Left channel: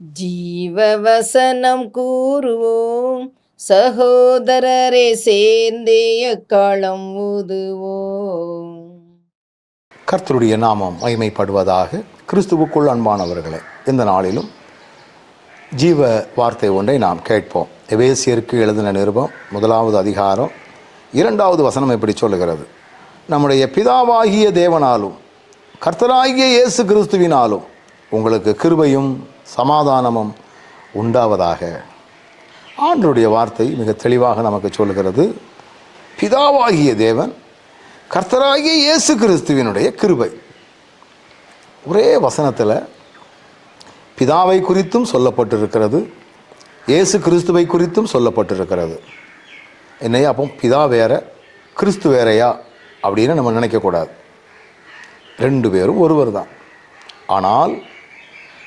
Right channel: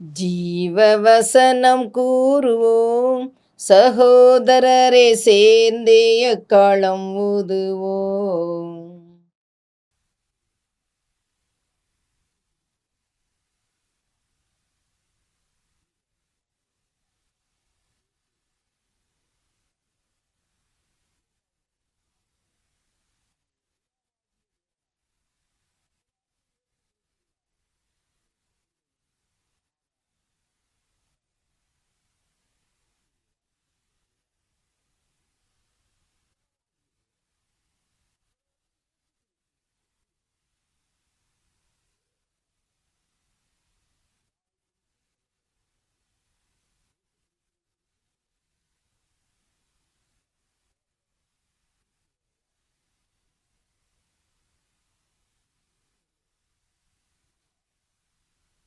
ஜீவவசனம் கூறுவோம், சகோதரரே சேர்ந்தே எக்காலம் ஊதுவோம். கர்த்தருடைய நாமம் மகிமைப்படுவதாக. கிறிஸ்துவுக்குள் அன்பானவர்களே, இந்த நாளிலும் ஜீவ வார்த்தை ஒன்றை நாம் கேட்போம். எபேசியருக்கு எழுதின நிருபம் 1வது அதிகாரம் 2வது வசனம் இப்படி சொல்லுகிறது: நம்முடைய பிதாவாகிய தேவனாலும் கர்த்தராகிய இயேசு கிறிஸ்துவினாலும் உங்களுக்கு கிருபையும் சமாதானமும் உண்டாவதாக. ஆண்டவருடைய வார்த்தை மிக தெளிவாக நமக்கு சொல்லுகிறது, பிதாவாகிய தேவன் கர்த்தராகிய இயேசு கிறிஸ்துவினுடைய கிருபை. ஒரே வசனத்தில் பிதாவை குறித்தும் சொல்லப்பட்டிருக்கிறது, இயேசு கிறிஸ்துவை குறித்தும் சொல்லப்பட்டிருக்கிறது. என்னையா அப்போ பிதா வேற கிறிஸ்து வேறையா அப்படின்னு நம்ம நினைக்கக்கூடாது. 2 பேரும் ஒருவர் தான். ஆனால்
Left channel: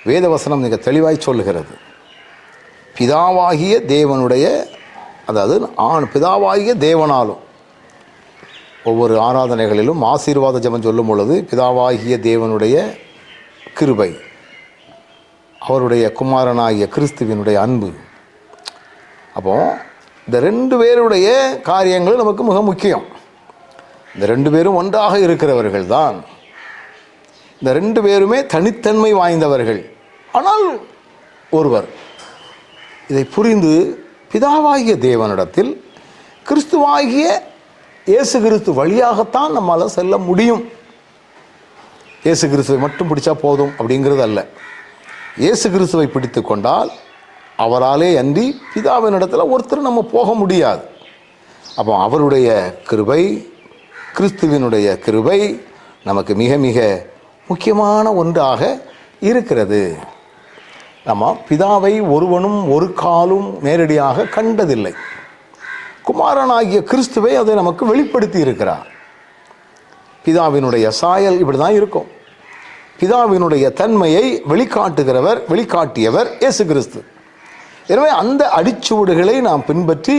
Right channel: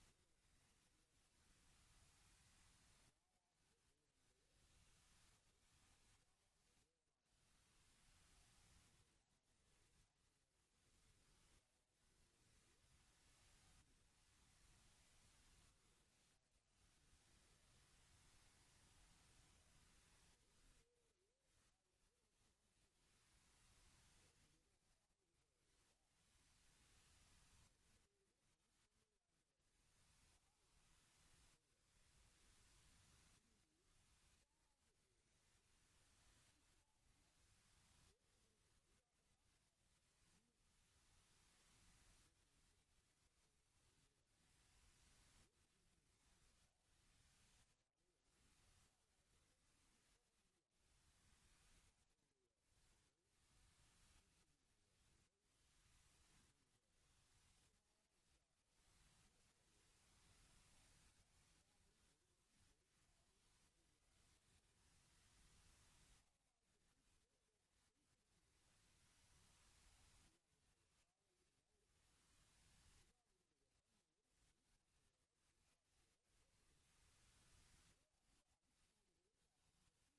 வேதவசனம் மிக தெளிவாய் சொல்லுகிறது, பிதாவாகிய தேவனுடைய, அதாவது பிதாவாகிய தேவனாலும். ஒவ்வொரு ஆராதனைகளிலும் ஆசீர்வாத ஜெபம் சொல்லும் பொழுது பிதாவாகிய தேவனுடைய கிருபை, அவருடைய குமாரனாகிய கிறிஸ்துவினுடைய அன்பு. அப்போ இந்த 2 பேருடைய காரியங்கள் நமக்கு மிக முக்கியம். இந்த 2 பேரும் ஒன்றாக இருக்கிறவர்கள் தான். இந்த 2 பேருமே தனித்தன்மை வாய்ந்தவர்கள், ஆனால் ஒருவர். இதை புரிந்து பிதாவாகிய தேவனிடத்தில் கிறிஸ்துவாகிய இயேசு கிறிஸ்து வழியாகத்தான் நம்மால் செல்ல முடியும். இயேசு கிறிஸ்துவை மட்டும் பிடிச்சா போதும் அப்படிங்கிறது அல்ல. இயேசு கிறிஸ்துவை பிடித்து கொண்டால் அவராலே அன்றி பிதாவினிடத்தில் ஒருத்தர் நம்ம போக முடியாது. அப்போ அவருடைய கிருபை, கிறிஸ்துவினுடைய கிருபை நமக்கு மிக மிக முக்கியமான ஒன்றாக இருக்கிறது. நம்ம பிதாவை ஒருவனும் ஒரு காலும் நேரடியாக கண்டதில்லை. குமாரனாகிய கிறிஸ்துவை அதை நமக்கு வெளிப்படுத்தி இருக்கிறார். பிதாவினுடைய சாயல் இப்படி தான் இருக்கும். பிதாவினுடைய தன்மையை வெளிக்காட்டியவர் இயேசு கிறிஸ்து. எனவே அந்த அடிச்சுவடுகளை நாம் பின்பற்றி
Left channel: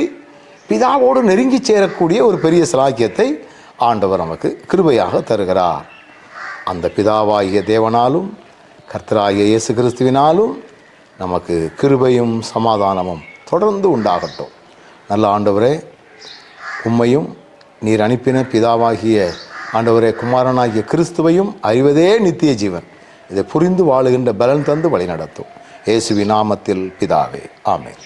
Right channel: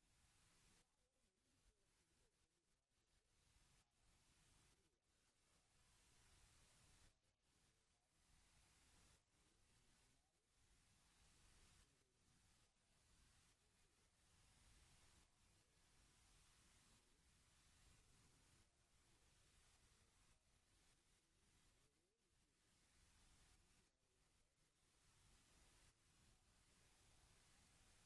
பிதாவோடு நெருங்கி சேரக்கூடிய ஒரு பெரிய சிலாக்கியத்தை ஆண்டவர் நமக்கு கிருபையாக தருகிறார். அந்த பிதாவாகிய தேவனாலும் கர்த்தராகிய இயேசு கிறிஸ்துவினாலும் நமக்கு கிருபையும் சமாதானமும் தொடர்ந்து உண்டாகட்டும். நல்ல ஆண்டவரே, உம்மையும் நீர் அனுப்பின பிதாவாகிய ஆண்டவரே குமாரனாகிய கிறிஸ்துவையும் அறிவதே நித்திய ஜீவன். இதை புரிந்து வாழுகின்ற பலன் தந்து வழி நடத்தும். இயேசுவின் நாமத்தில் பிதாவே, ஆமென்.